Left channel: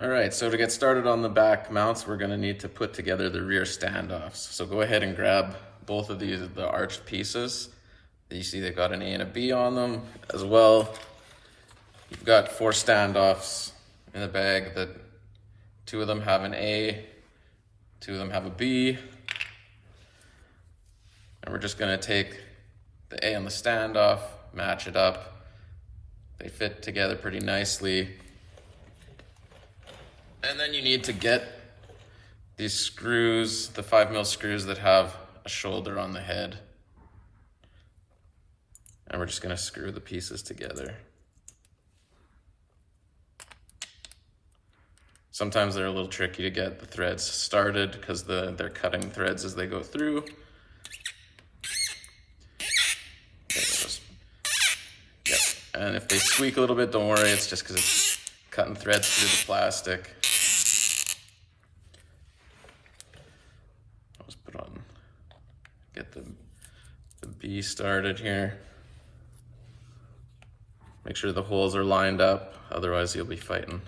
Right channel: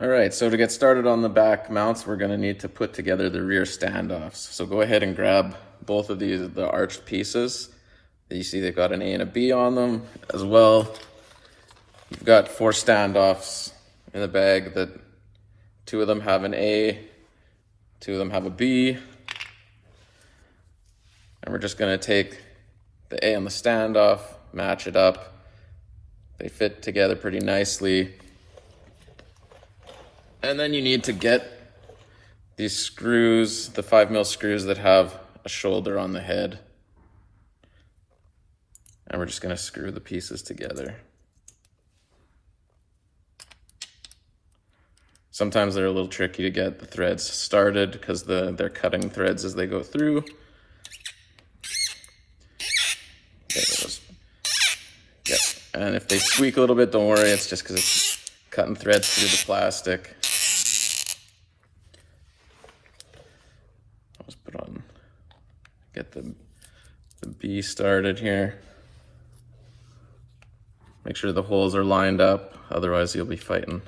All right, so to get started on the back mounts, we're going to need to put together the rear standoffs. So go ahead and grab both of the arched pieces. You see they've got an A and a B on them as well. You've got 4 standoffs in the bag that 2 of them have an A, 2 of them have a B. And we're just going to take the A on the standoff, match it up. They fit together pretty nicely. And then you need to get these screws, the 5mm screws that have a shoulder on the head. And we're just going to screw the pieces together. Sometimes they're a little tricky to get the threads started because they're cutting threads as they go through. Yep. And if they squeak a little bit, don't worry, it's just because it's cutting threads through the plastic. Get the B started here. Make sure the holes are lined up, otherwise you'll be fighting.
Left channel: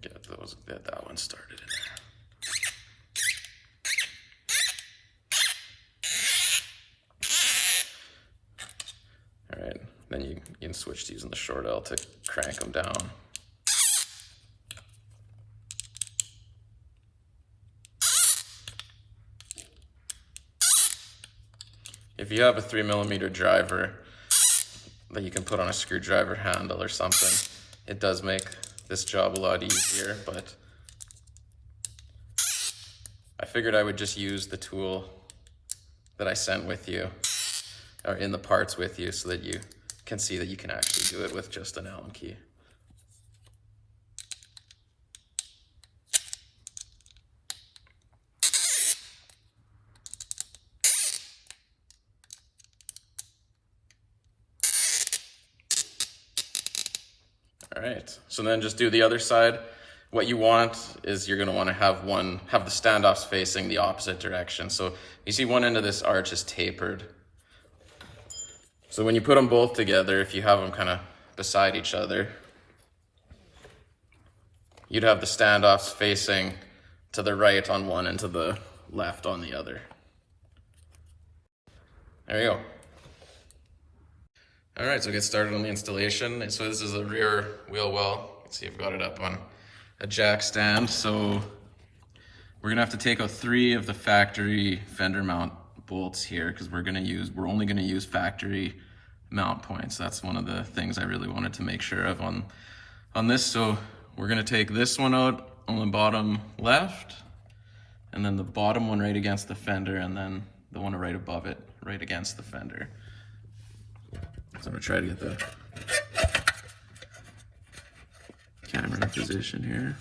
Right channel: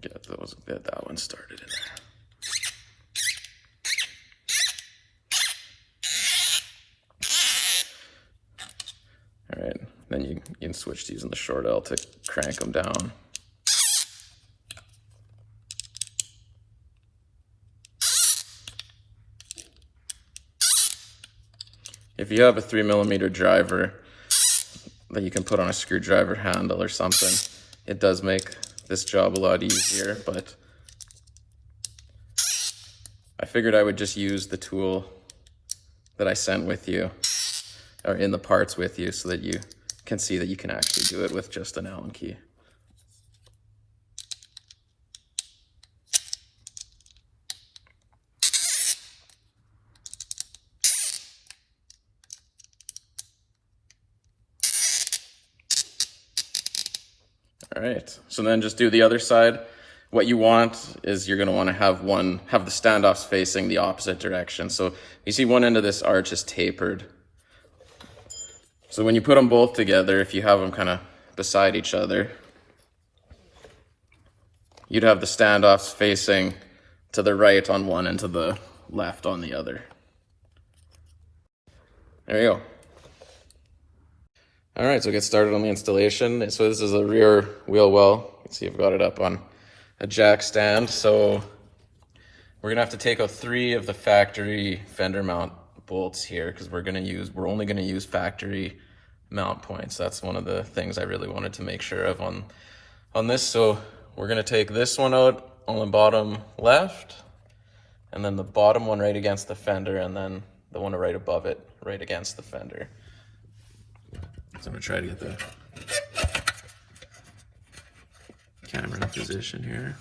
Get that one started in there. All right, then you can switch to using the short L to crank them down. If you have a 3mm driver that you can put on a screwdriver handle or something, it does make this job a lot easier, but I figured I would just use the tool that I sent with you, or in the parts with you, so that you can see that you can actually do it with just an Allen key. All right, so then just do the other side. What you want is you're gonna wanna have the standoffs facing the opposite direction. So you see one end of this arch is tapered. So when you put them both together, if you have them kind of beside each other, you'd have the standoffs facing to the right on one and to the left on the other. There you go. All right, so get started on the installation. So this is a rear wheel well. You can see I've got it up on a jack stand. So we're gonna have to take out 3 of the factory fender mount bolts here because we're only gonna use factory mount points. That's one of the things I really wanted to make sure of on this. So we're gonna take this one out on the bottom left, and then the bottom one right against the fender, and then the one right above it right against the fender. So I'm gonna try to get the camera in position here.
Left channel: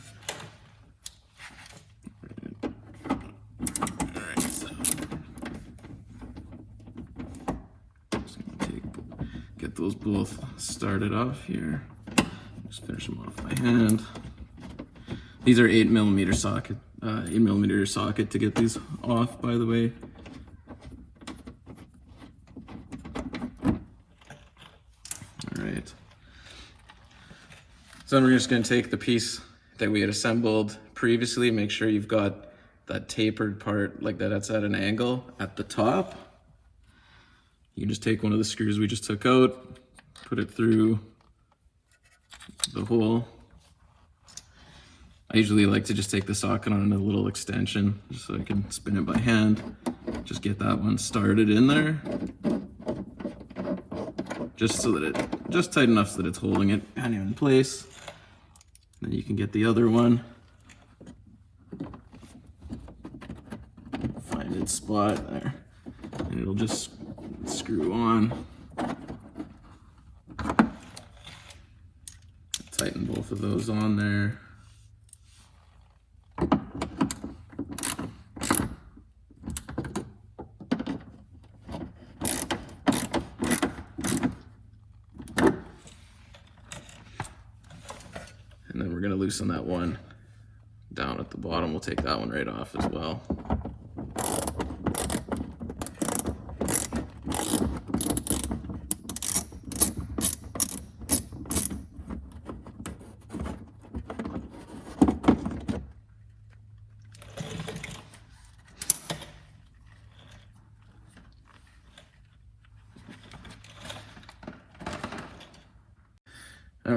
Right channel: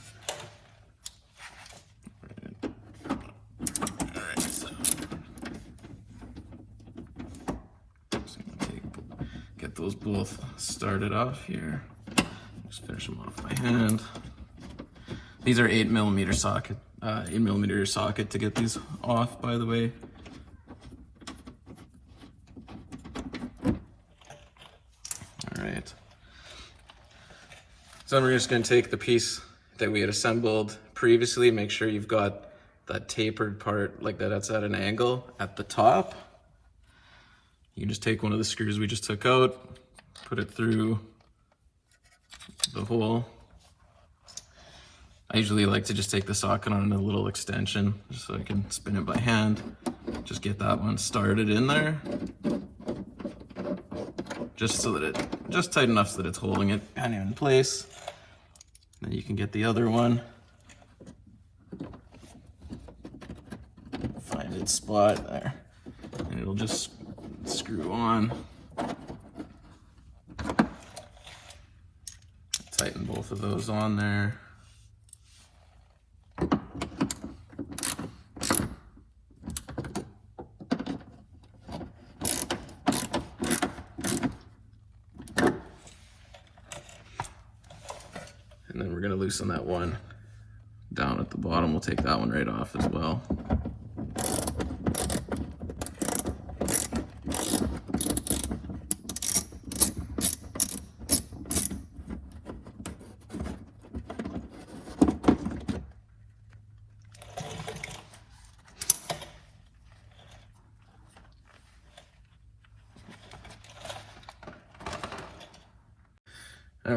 Alright, so get those both started off here. Just finish them off by hand. These are 8mm socket, 8mm socket to get these off, by the way. So then we're just going to take the piece that we had assembled previously, make sure you've got that tapered part like that's at an angle at the top. You just take one of the screws we just took out, put it through the hole. I usually like to just take the socket on a little extension just so I can spin it by hand. Just get that one started in there. Just so that just tight enough so that it's holding it kind of in place. Then you can get the other one. Find its spot there. And it'll just screw on. Tighten both of those on there. And then we're going to loosen that one down at the bottom. We'll take that one right off as well.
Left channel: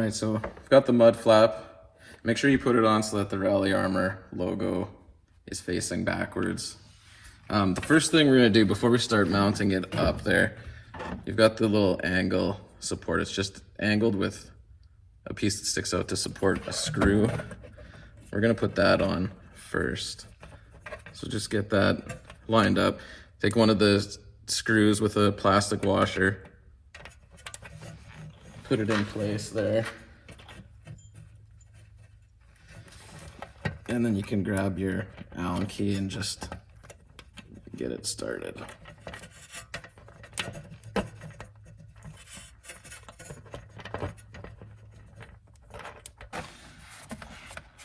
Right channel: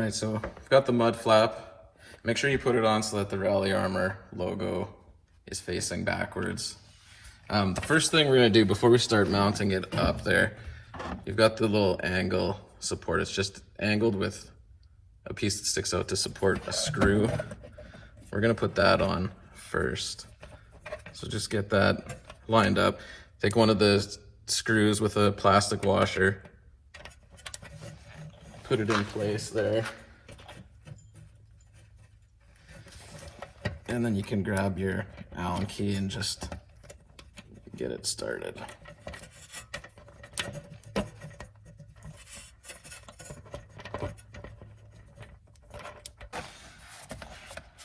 right, so I've got the mud flap. Make sure you put it on so that the Rally Armor logo is facing backwards. The first thing we're gonna do before we start mounting it up there, you've got the little angle support. It's just angled with a piece that sticks out to support a screw. We're gonna put that on first. So just get that lined up. Take one of the screws with a plastic washer, put it in place there. And then you can grab your Allen key and just get it started.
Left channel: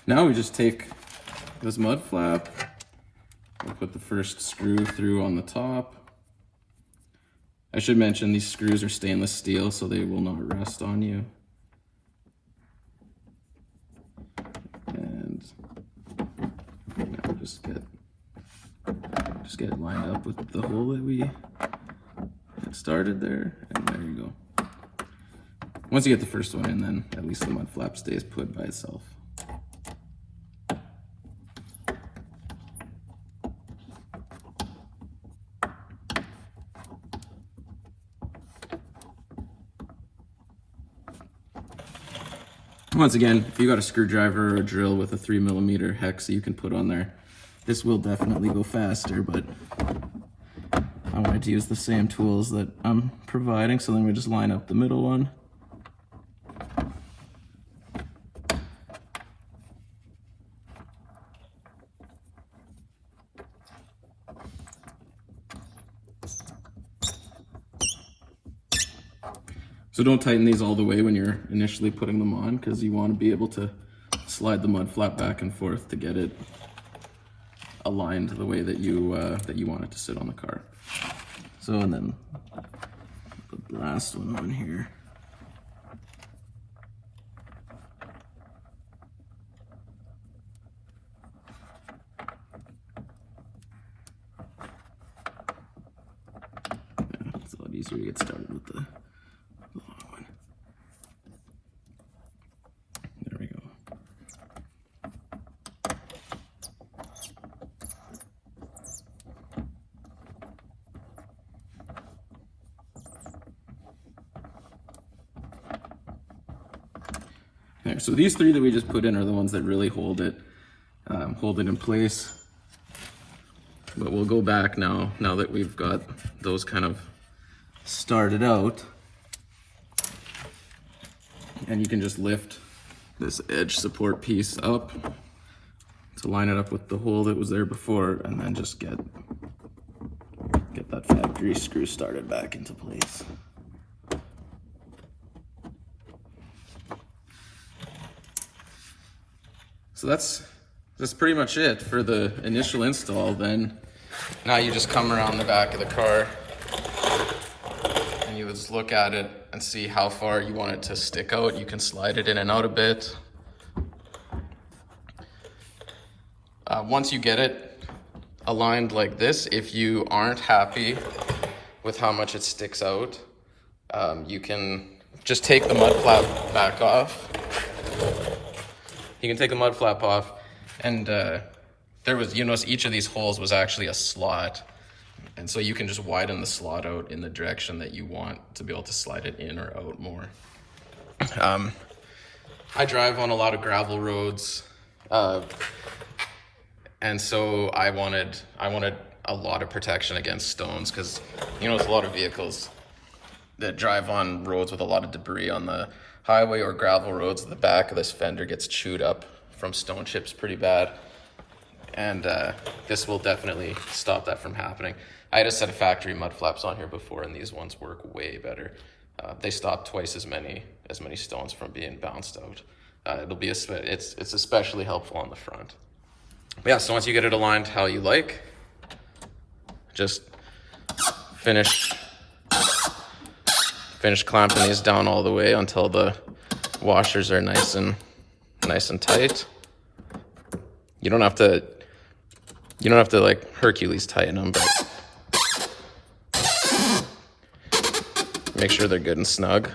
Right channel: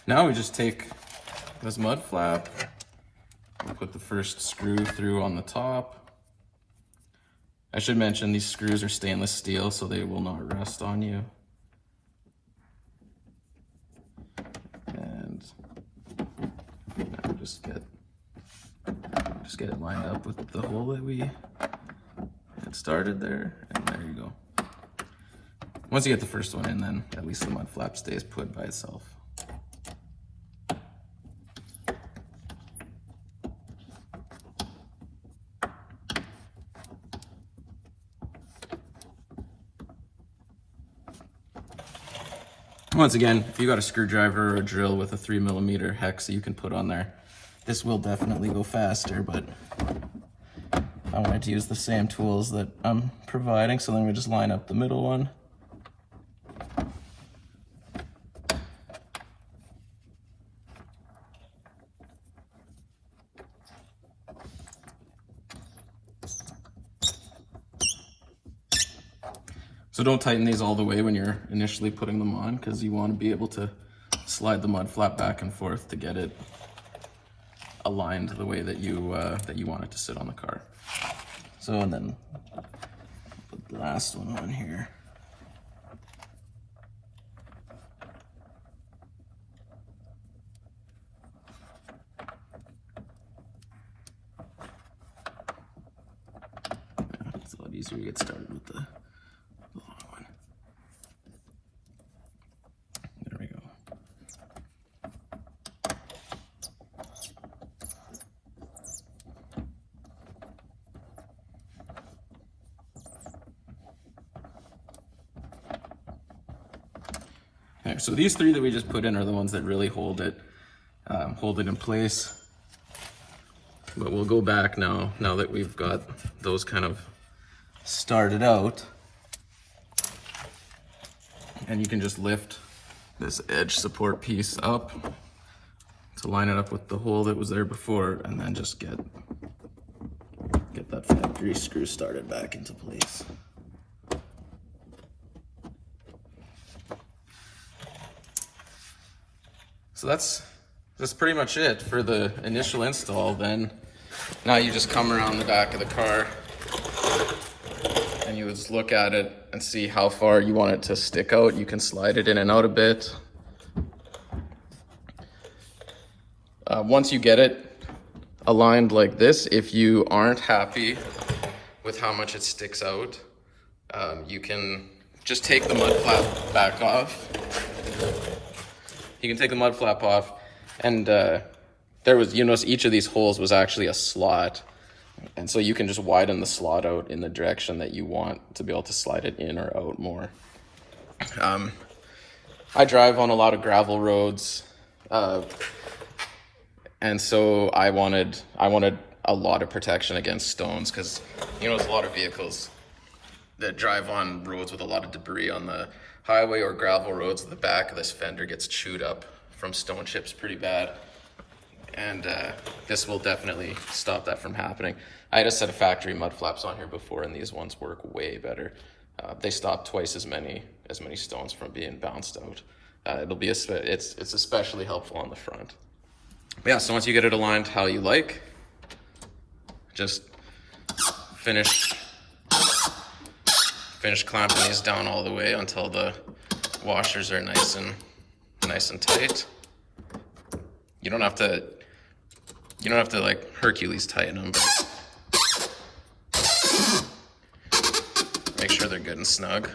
Now we just take this mud flap, we'll put the first screw through on the top. I should mention these screws are stainless steel, so they will not rest on you. And now just get it lined up with the hole that we had started there, and there you go. Once you get the first one in, then at least the mud flap stays put by itself. Once again, if you got a screwdriver or a drill with a 3mm hex that you can put on there, this will definitely go faster, but I wanted to use the same tools that I'm providing, so then we just line up the middle one. So don't tighten these all the way when you're initially putting them on, because you want to be able to slide the mud flap back and forth to get it aligned the way that you want it to sit on the car. So, and then put the last one on here. It's a lot easier to get started with the long one. There we go. Okay, so these three that we just put in are the ones that really hold it in place. But we'll go back now that we've got those kind of started out. And you can just lift this edge support piece up to line it up with the hole that was there before, and then just get that factory screw started back into place. So that's pretty much it for the initial install. Then now you just come around the back of the car and you would look at it and see how far you want it to stick out. You can slide it in and out a bit. Once you get it aligned like this, if you aren't happy with how much it sticks out, you can just take the mud flap back off. You can take the mud flap off, and there was, you notice each of these holes was actually a slot. And so you can just widen the slot out in the direction that you want to be able to slide it in or out more. I drive on a lot of gravel roads, and so I wanted a lot of protection against stones, because there's a lot of vehicles that drive on roads with a lot of debris on the highway or gravel roads. The back of this fender gets chewed up from stone chips pretty bad. And this will definitely stop that from happening. I had a set of factory mud flaps on here before, and these ones work way better. They stop twice as many stones from being bounced out. It's especially helpful on the front. But yeah, so once you get it aligned how you like, just finish clamping these down all the way until the washers are nice and tight. You don't have to like Hercules tighten them, but make sure they're good and snug.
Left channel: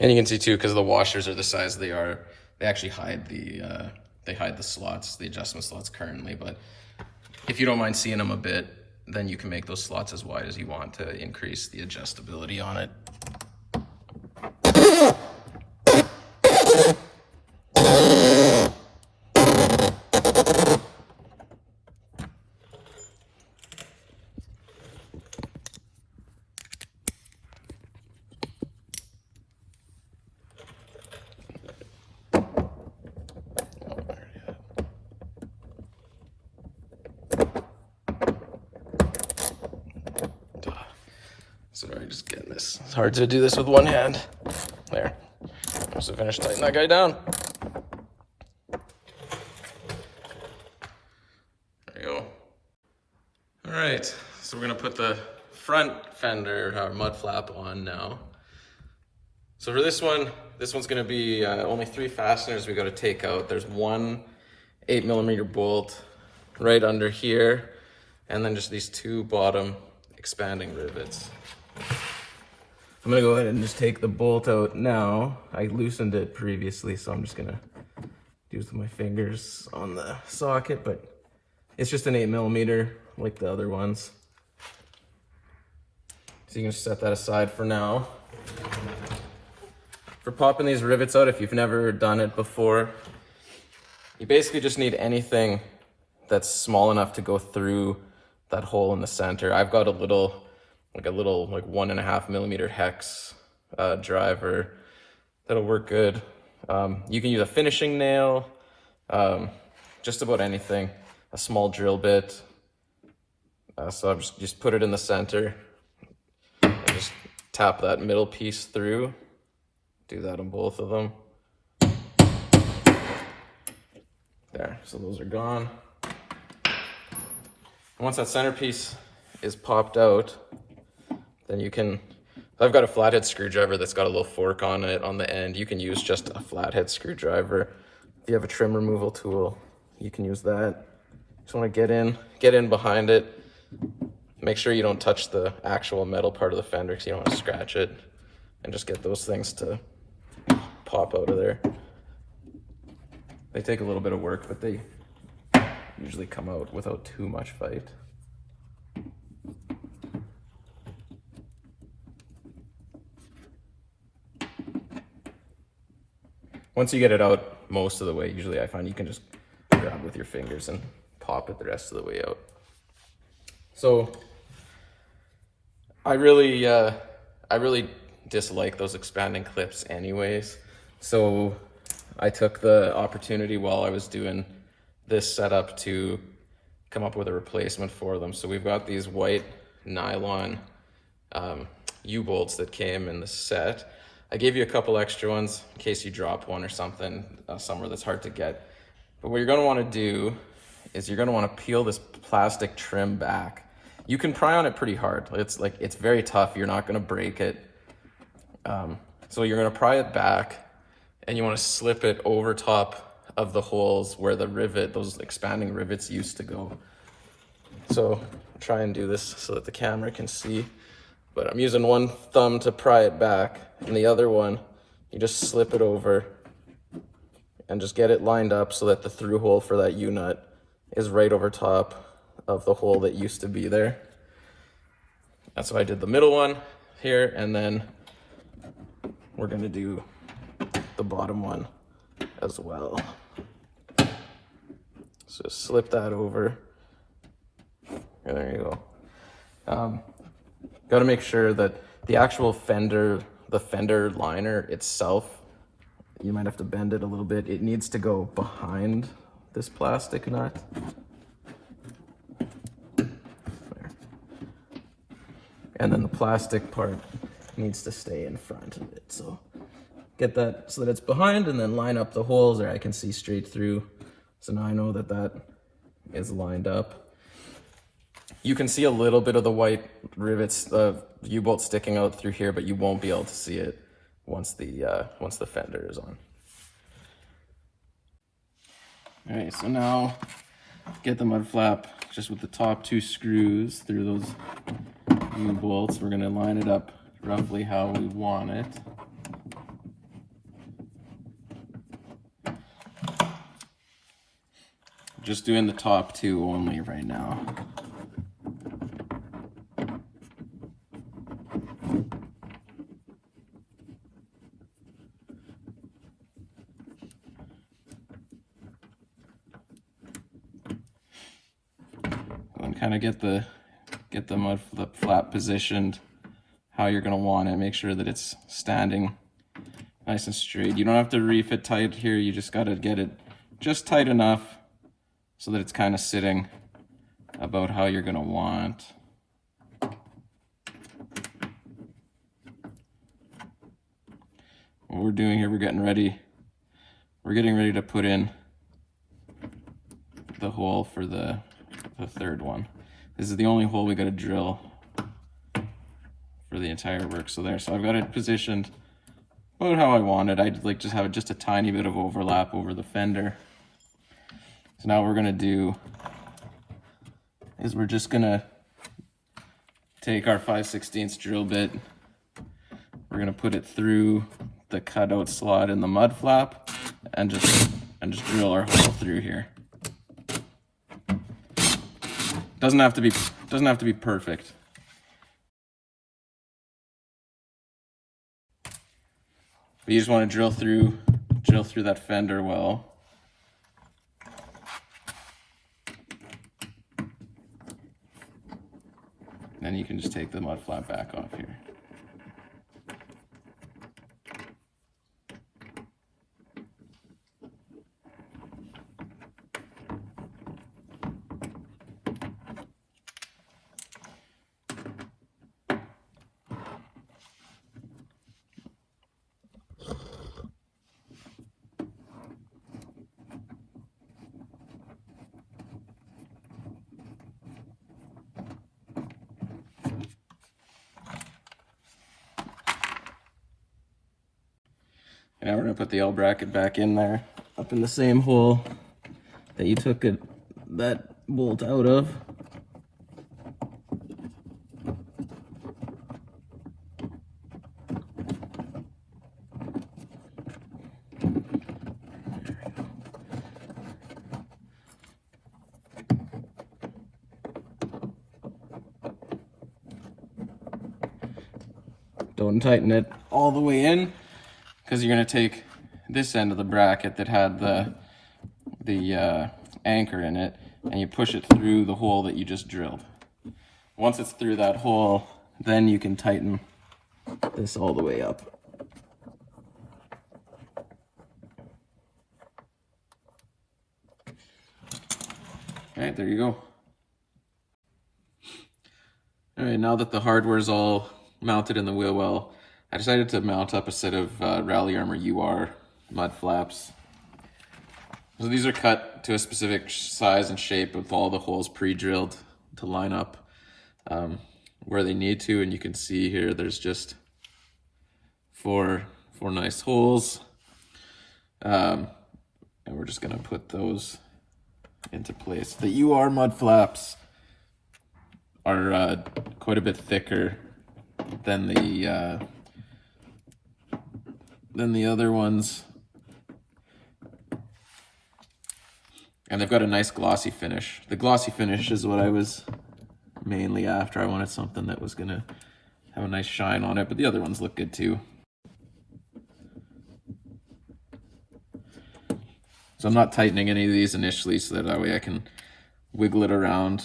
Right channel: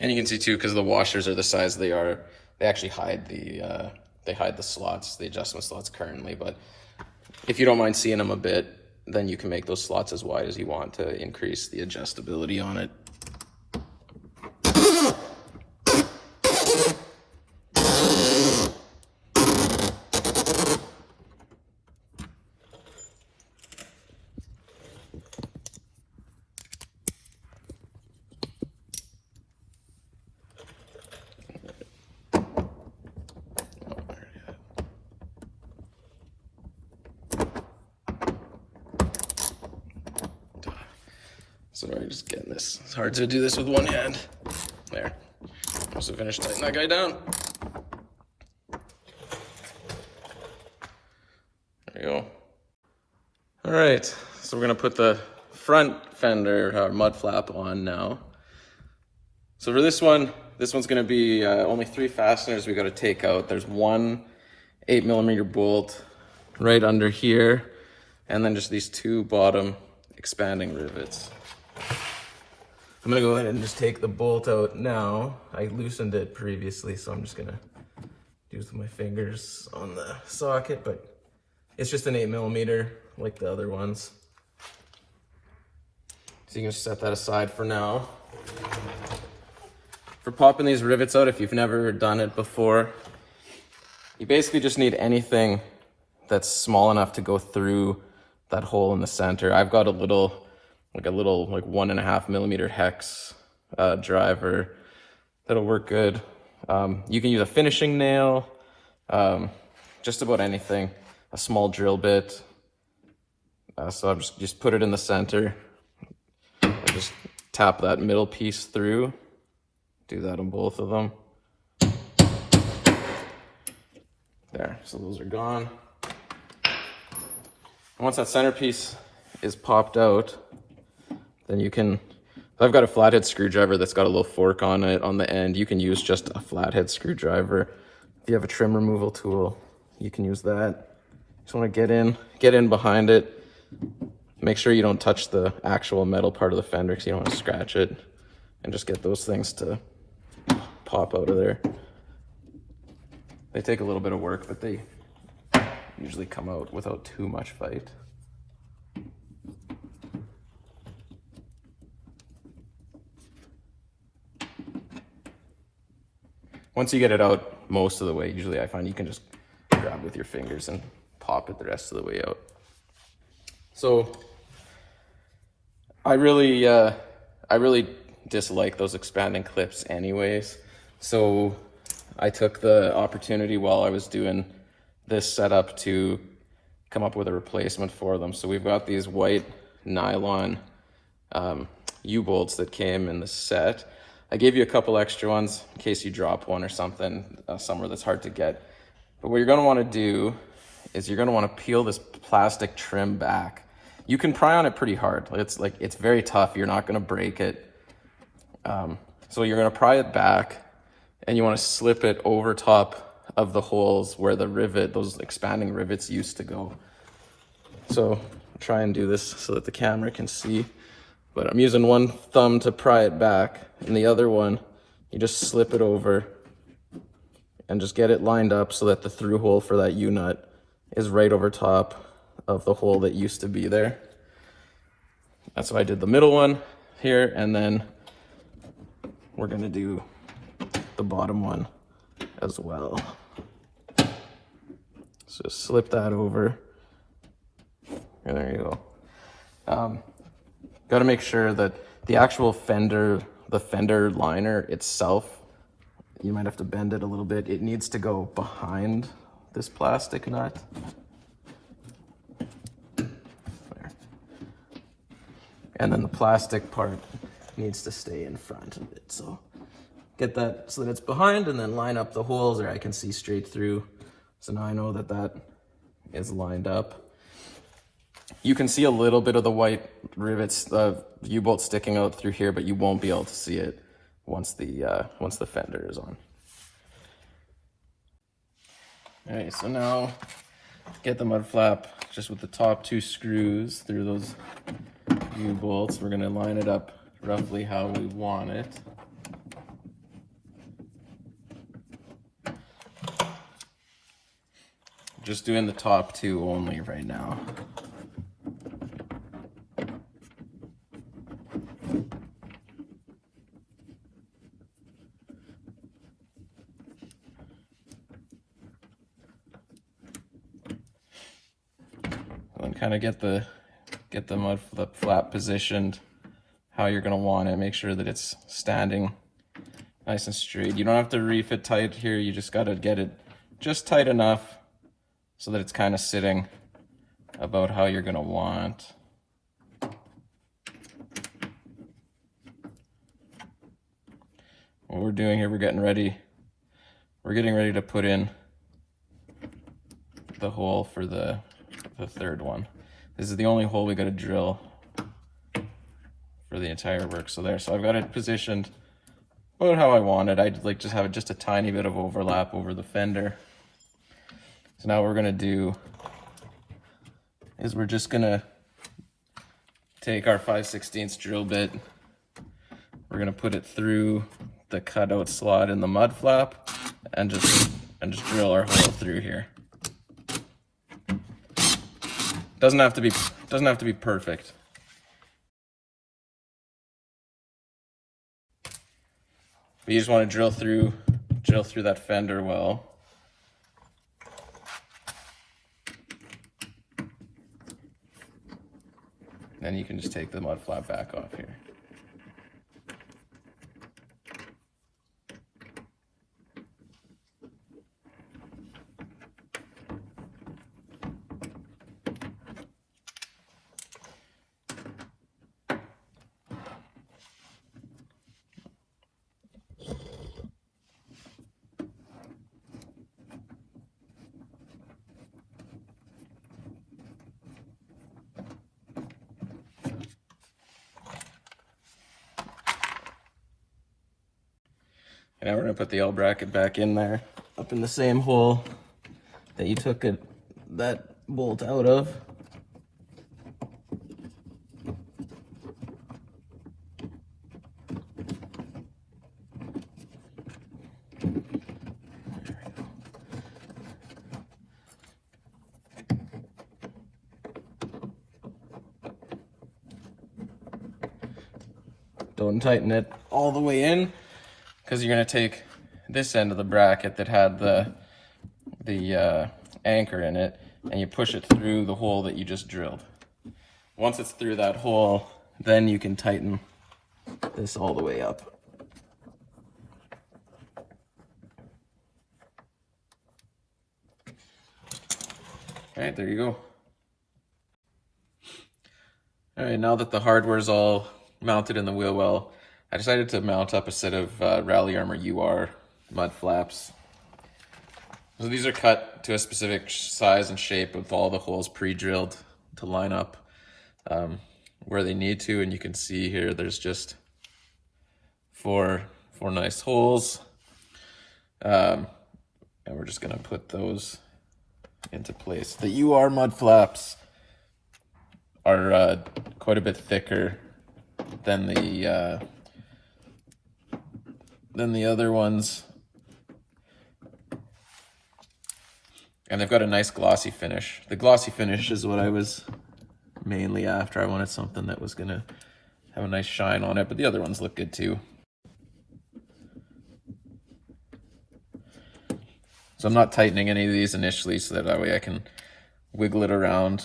And you can see too, because the washers are the size they are, they actually hide the slots, the adjustment slots currently. But if you don't mind seeing them a bit, then you can make those slots as wide as you want to increase the adjustability on it. Sorry, just getting this. It's hard to do this with one hand. There. Almost finished tightening that guy down. There you go. All right, so we're gonna put the front fender mud flap on now. So for this one's gonna be only 3 fasteners we gotta take out. There's one 8mm bolt right under here, and then just these 2 bottom expanding rivets. I'm gonna go ahead and just take the bolt out now. I loosened it previously, so I'm just gonna use my fingers on the socket, but it's just an 8mm like the other ones. So you can just set that aside for now. For popping these rivets out, if you've never done it before, you basically just need anything that's small enough to go through that hole in the center. I've got a little 1.5mm hex driver that'll work good. You can use a finishing nail, just about anything, a small drill bit. So I'll just put it in the center, just tap that middle piece through, do that on both of them. There, so those are gone. And once that centerpiece is popped out, then you can, I've got a flathead screwdriver that's got a little fork on it on the end. You can use just a flathead screwdriver. If you have a trim removal tool, you can use that. Just want to get in behind it. Make sure you don't touch the actual metal part of the fender because you don't want to scratch it, and just get those things to pop out of there. They take a little bit of work, but they usually come out without too much fight. Once you get it out most of the way, usually I find you can just grab with your fingers and pop it the rest of the way out. So I really dislike those expanding clips anyways. So I took the opportunity while I was doing this setup to come up with a replacement for them. So we've got these white nylon U-bolts that came in the set. I gave you a couple extra ones in case you drop one or something somewhere that's hard to get. But what you're gonna wanna do is you're gonna wanna peel this plastic trim back. You can pry on it pretty hard. It's very tough. You're not gonna break it. So you're gonna pry it back, and you wanna slip it over top of the holes where the rivet, those expanding rivets used to go. So try and do this so that the camera can see. But I'm using one thumb to pry it back, and the other one, you just slip it over and just get it lined up so that the through hole for that U-nut is right over top of the hole that used to be there. That's why I did the middle one here, and then we're gonna do the bottom one as well. So slip that over, and there you go. Got to make sure that the actual fender, the fender liner itself, you might have to bend it a little bit. It needs to go behind this plastic nut. There. And then the plastic part needs to stay in front of it. So get that so that it's behind, and then line up the holes, or I can see straight through. So now I know that that is lined up. You can see a little bit of the white rivets, the U-bolt sticking out through here, but you won't be able to see it once the fender is on. All right, so now get the mud flap just with the top 2 screws through those U-bolts. We're gonna line it up roughly how we want it. Just doing the top two only right now. And kind of get the Mudflap positioned how you're going to want it. Make sure that it's standing nice and straight. You don't have to reef it tight here. You just got to get it just tight enough so that it's kind of sitting about how you're going to want. What we're doing here, we're getting ready to put in the hole for the third one. This is the only hole we got to drill for the entire work. So I've got it positioned about how I want it. I'd like just have just a tiny bit of overlap over the fender. So now what we're gonna do is we're just gonna take our 5/16 drill bit. We're gonna put it through the cutout slot in the mud flap and just drill our hole through here. Doesn't have to be perfect. But you just want to drill through that fender well. Then you can just take the mud flap back off here. And now we're going to put the L bracket back in there, up in the same hole that you took that bolt out of. Don't tighten it all the way in, because you're going to take this end of the bracket that had the anchor in it, and you push it through the hole that you just drilled. Once it's through that hole, then you can tighten this all the way up. All right, there you go. All right, now that the hardware is all mounted in the wheel well, I decided to mount up a set of Rally Armor UR mud flaps. So these are cut to a specific size and shape with all the holes pre-drilled to line up where they need to, and you can see here there's just four nice holes, and we're just gonna put those into place. The UR mud flaps are quite a bit thicker than the other ones, and they've got a nice glossy finish. The glossy finish is what I was mainly after. I wanted something that was gonna have a nice shine on it, but the other ones look good too. So I'm not tightening any of these initially, so that way I can wiggle it around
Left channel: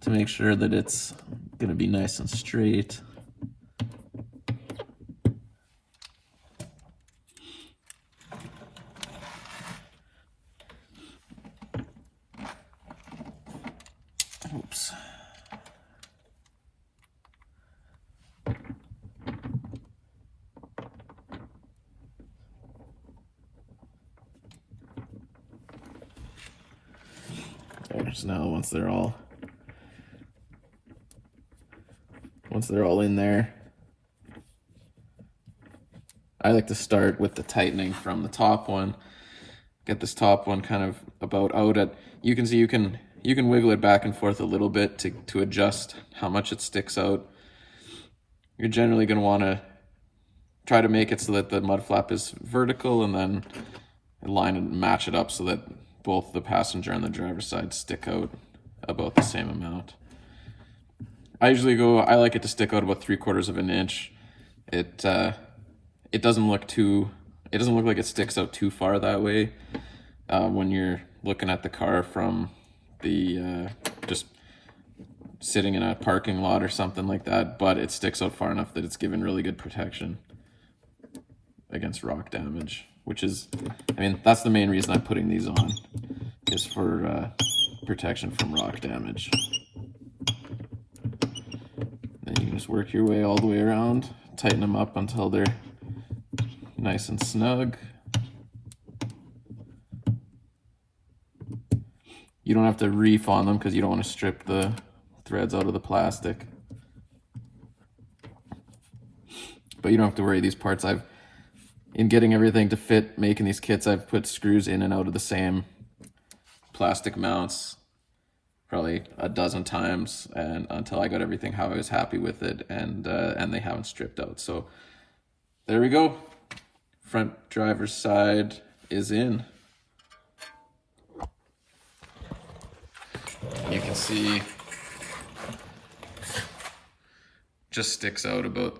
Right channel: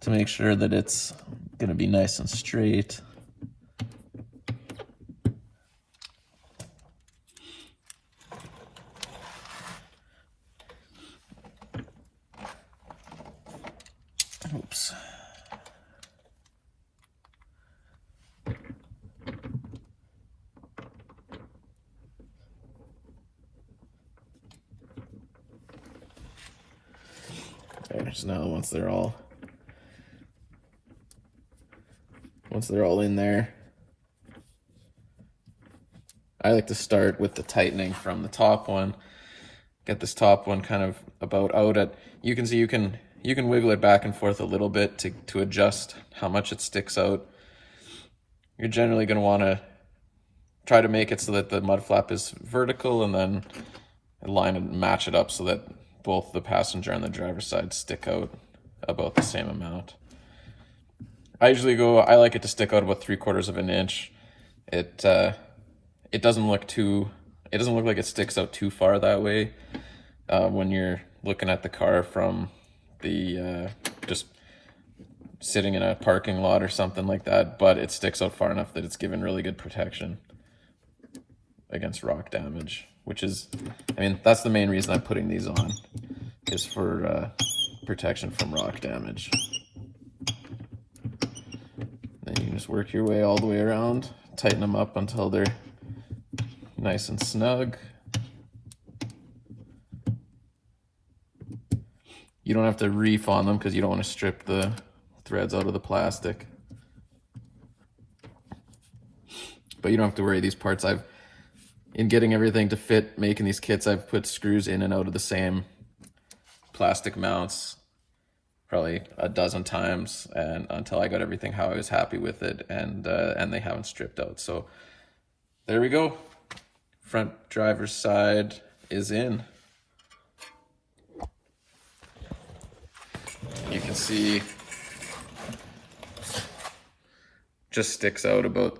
to make sure that it's gonna be nice and straight. Oops. Okay, so now once they're all in there, I like to start with the tightening from the top one. Get this top one kind of about out at, you can see you can wiggle it back and forth a little bit to adjust how much it sticks out. You're generally going to want to try to make it so that the mud flap is vertical, and then line and match it up so that both the passenger and the driver's side stick out about the same amount. I like it to stick out about 3/4 of an inch. It doesn't look like it sticks out too far that way when you're looking at the car from the just sitting in a parking lot or something like that, but it sticks out far enough that it's given really good protection against rock damage, which is, that's the main reason I'm putting these on, is for protection from rock damage. Then you can just work your way all the way around, tighten them up until they're nice and snug. You don't have to reef on them because you don't want to strip the threads out of the plastic. But you don't have to worry, these parts in getting everything to fit, making these kits, I've put screws in and out of the same plastic mounts probably a dozen times, and until I got everything how I was happy with it, and they haven't stripped out. So there we go. Front driver's side is in. You can see just sticks out about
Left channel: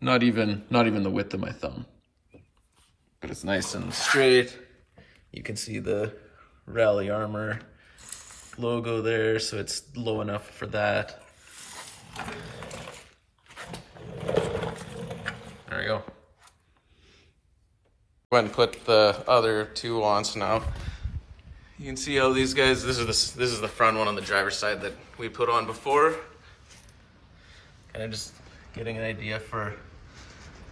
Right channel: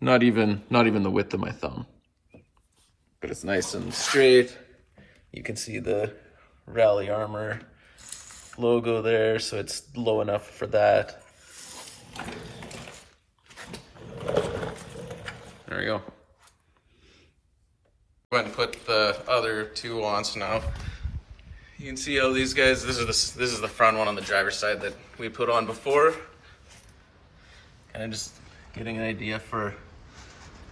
not even the width of my thumb, but it's nice and straight. You can see the Rally Armor logo there, so it's low enough for that. There we go. Go ahead and put the other two on. So now you can see how these guys, this is the front one on the driver's side that we put on before. Kind of just getting an idea for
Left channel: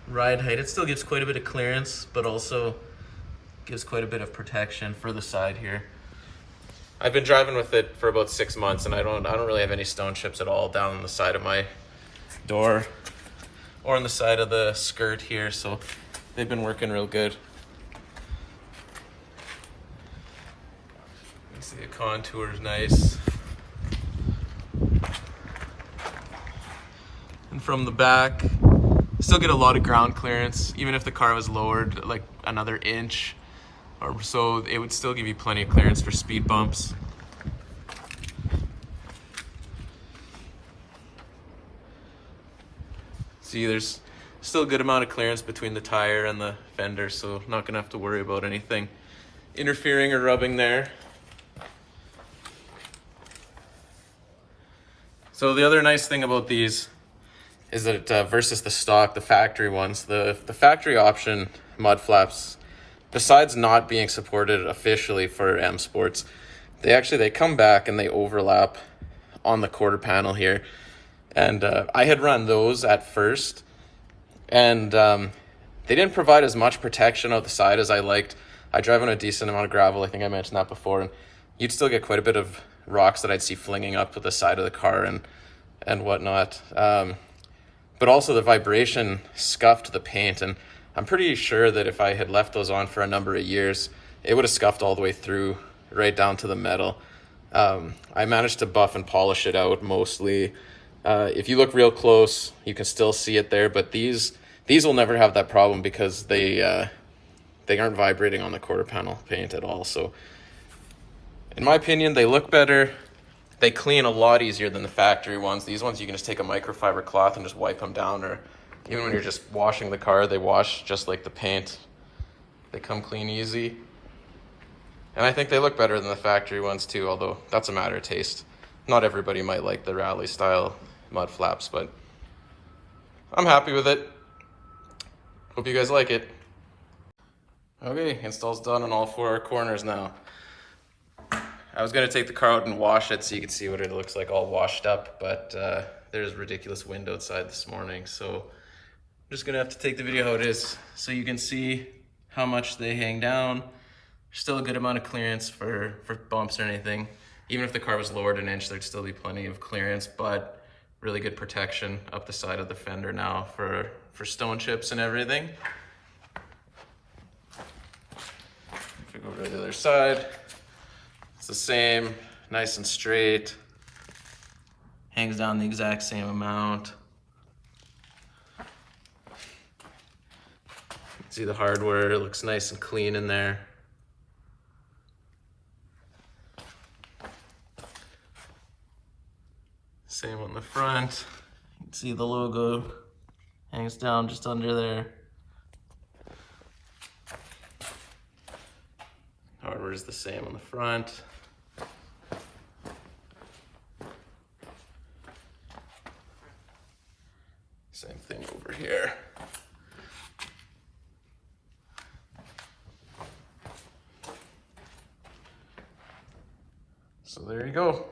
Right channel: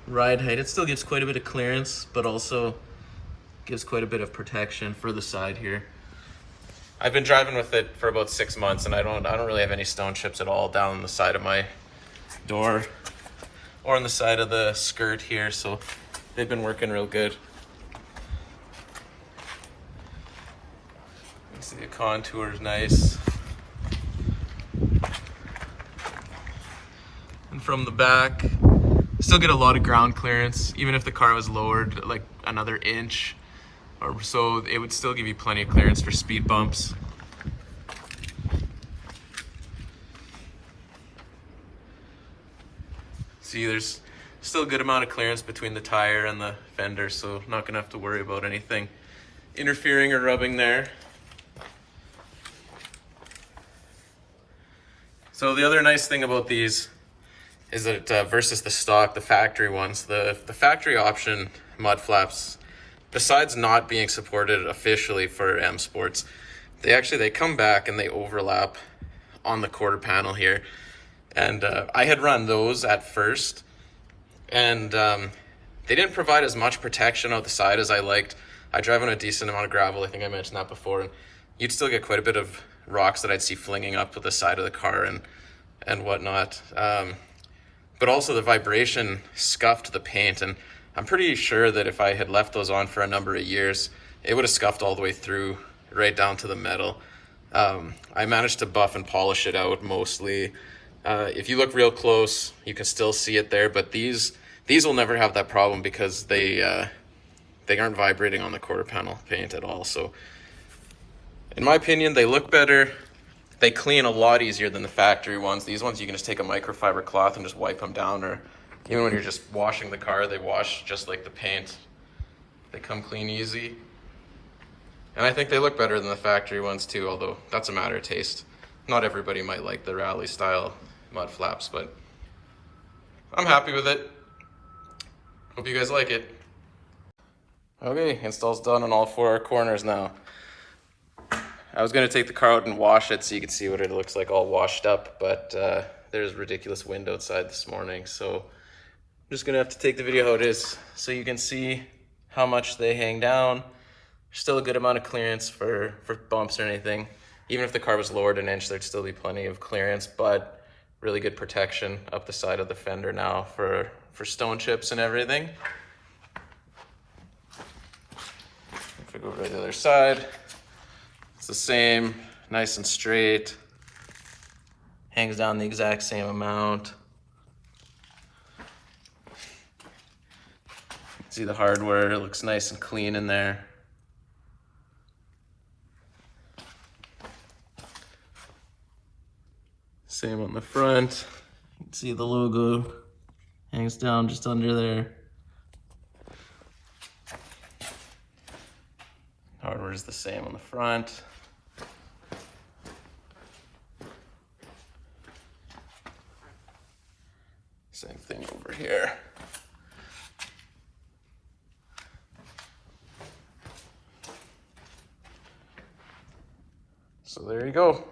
ride height. It still gives quite a bit of clearance, but also gives quite a bit of protection for the side here. I've been driving with it for about 6 months, and I don't really have any stone chips at all down the side of my door or on the side of the skirt here, so they've been working real good. You can see the contour is nice. And from the back, still get a lot of ground clearance. Even if the car was lowered like another inch or so, it would still give you plenty of clearance for speed bumps. See, there's still a good amount of clearance between the tire and the fender, so not gonna have to worry about anything interfering or rubbing there. So the other nice thing about these is that versus the stock, the factory ones, the factory option mud flaps, besides not being supported officially for M Sports, they come back and they overlap on the quarter panel here. And I had run those at first, and they didn't provide as much protection out the side as I liked. I drive on a decent amount of gravel, I think I mentioned that before, and you'd still get quite a bit of rocks that I'd see flinging up the side of the car and whatnot. But also the vibration scuffed the paint, and I'm pretty sure that if I had left those on for a number of years, it would have scuffed all the way through, right down to the metal. I managed to buff and polish it out mostly. If you look real close, you can still see it there, but these will never have that problem because they aren't vibrating on the quarter panel paint at all. So in my opinion, they look better. They clean a lot easier than the factory ones. These ones, you can just take a microfiber cloth and just wipe them down, or even when you're just washing the car, they wash just like the paint. They come clean easy. And I think they look better than the factory ones too, although that's a matter of taste. Not everybody might like the rally style mud flaps, but I'm happy with it. Hope you guys like it. Okay, install's done on all 4 corners now. I was gonna take the car out and wash it so you could see what it looks like all washed up, but there's ridiculous wind outside this morning, so I'm just gonna have to take the video how it is so you can see how much they hang down. Still a good amount of clearance for bumps or anything. Even if the car was lowered an inch, there'd still be plenty of clearance, but really good protection up the side of the fender now for stone chips and everything. If we go over to the other side, it's the same, nice and straight. Hangs down the exact same amount. See the hardware, it looks nice and clean in there. Same on the front. See the logo hangs down just under there. Hardware is the same on the front. Same thing over here. So there you go.